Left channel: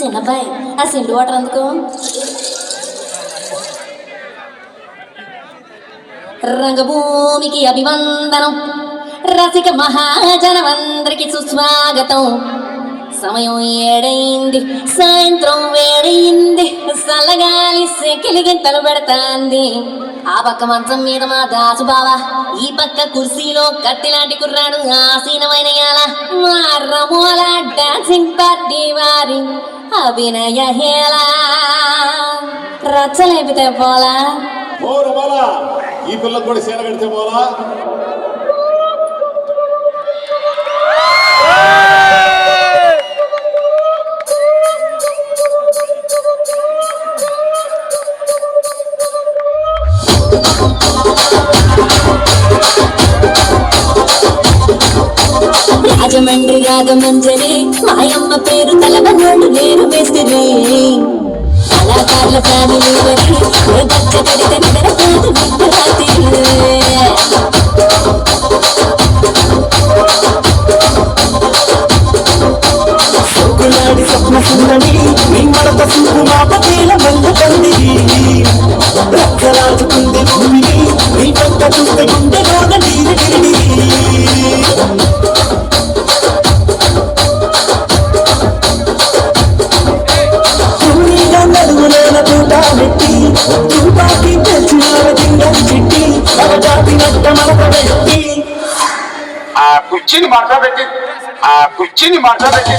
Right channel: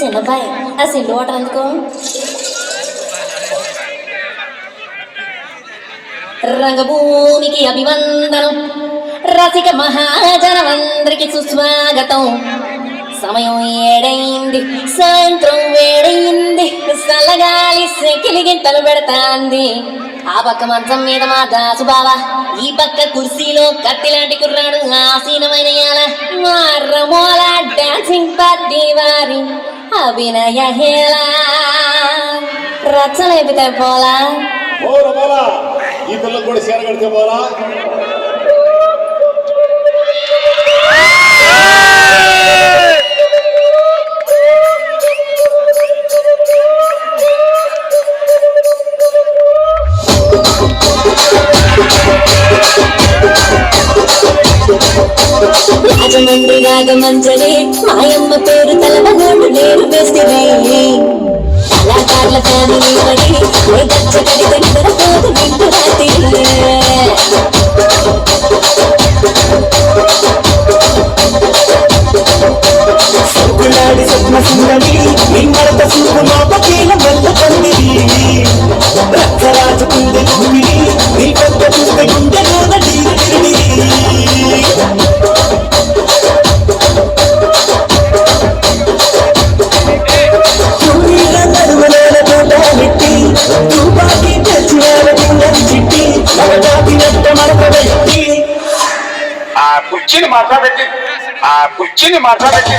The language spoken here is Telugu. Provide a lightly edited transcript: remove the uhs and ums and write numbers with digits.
చిన్నబ్బాయి ఆ సిండు వాటర్ అందుకో. రంగభూమికి అభివందనం, రసిక మహాజనమందరికి సుస్వాగతం. సమయం ఏడైంది, సాయంత్రం వేడైంది, చల్లగాలి సెకిలి గింతలు పెడతాంది. ఆ పక్క మంచం మీద మా దాసు బావా, ఈ పక్క కుర్సీలో కత్తిలాంటి కుర్రాడు ఆసీనమైన మా రమోల డాన్సింగ్ పార్టీ వారి అభినయ హేళా. రచ్చలేపితే పోలా ఈ పిల్లలు కూడా సీర కడితే పోలా. రాజమండ్రి రాగమంజరి మాయమ్మ పేరు తలవనోడు నేను వేసిరి. కళాకారుల ఫ్యామిలీ మరి ఏ గచ్చ కడితే నిద్రపోదు నిండు రాత్రి. స్వప్న సుందరి నిమ్మడత సూపు మా పటీల మల్ల తండ్రి రక్తరాజుకుంది నీ పక్క చూస్తే గుండెలోన నీరు. తుపాకి తెచ్చిన చిట్టి మరజాతినట్ట మరప వ్యక్తి ఆ కుర్చీని మాట్లాడబెట్టి కుర్చీని మాట్లాడబెట్టి